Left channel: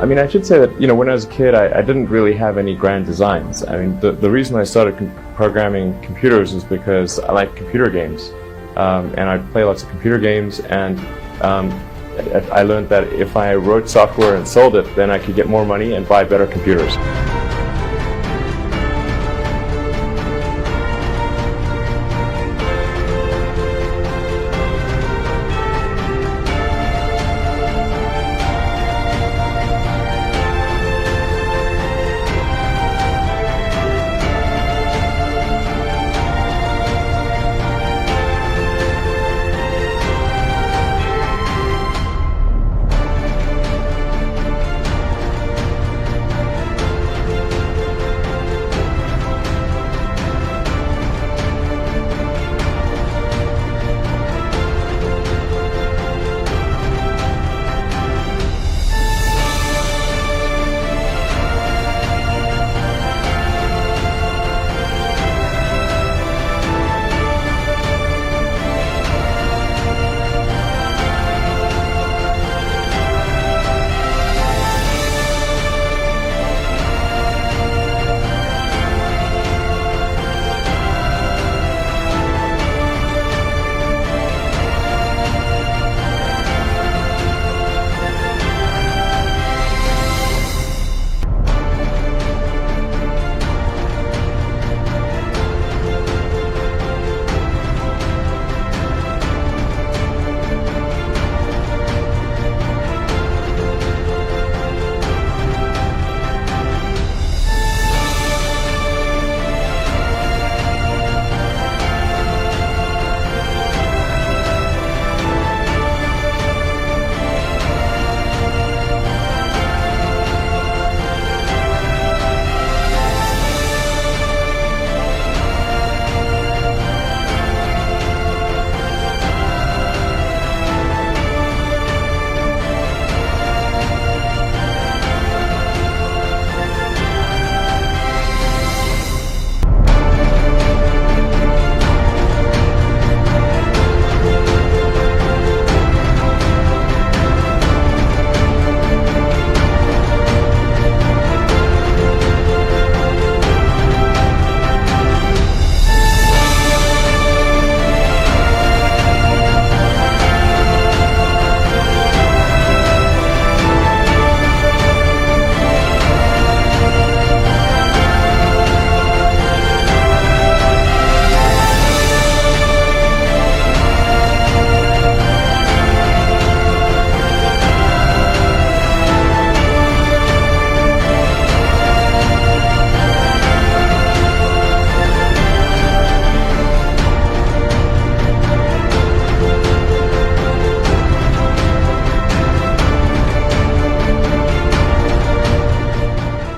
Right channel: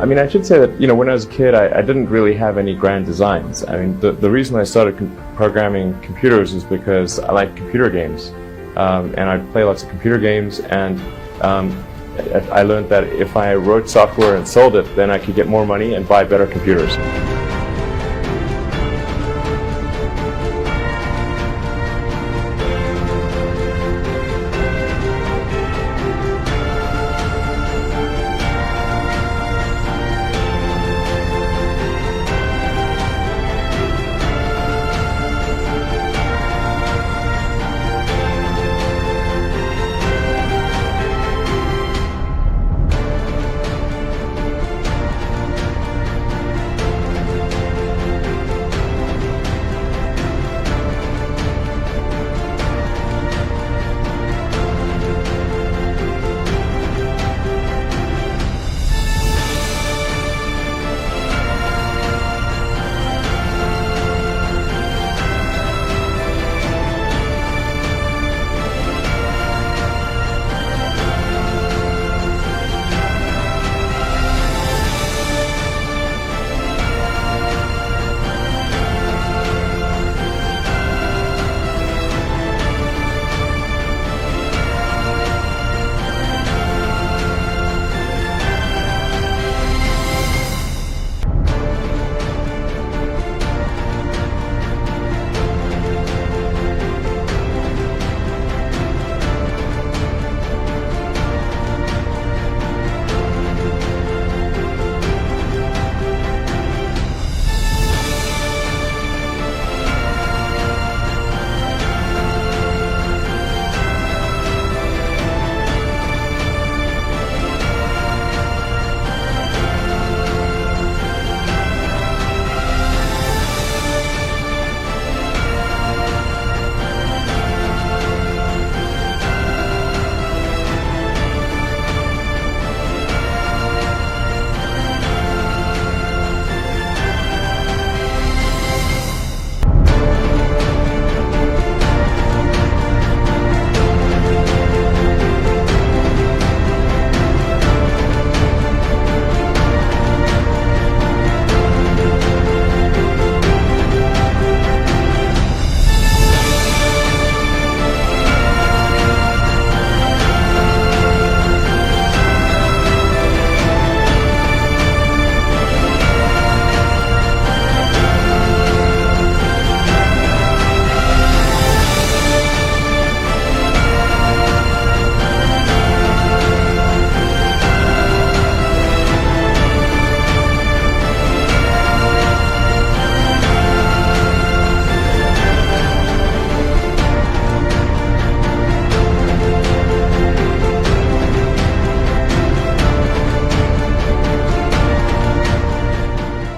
I mean, I should say that, when I was a kid, I didn't really have any grand designs. I mean, the reason I started programming computers is because I like computer games. And I play lots of computer games, and I learned that if I wrote software and sold it, then I could get more money and buy better computers.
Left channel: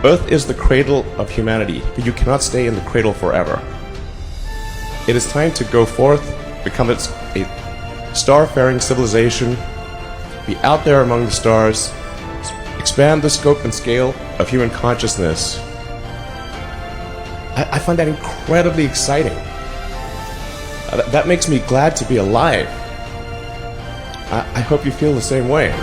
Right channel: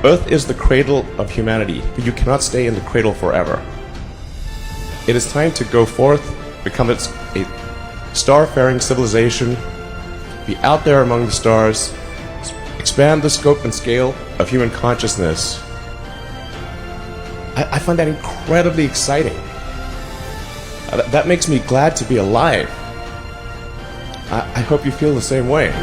Earth is the cradle of humanity, but you cannot stay in the cradle forever. It is time to go forth, become a star-faring civilization, be out there among the stars, expand the scope and scale of human consciousness. I find that incredibly exciting. That makes me glad to be alive. I hope you feel the same way.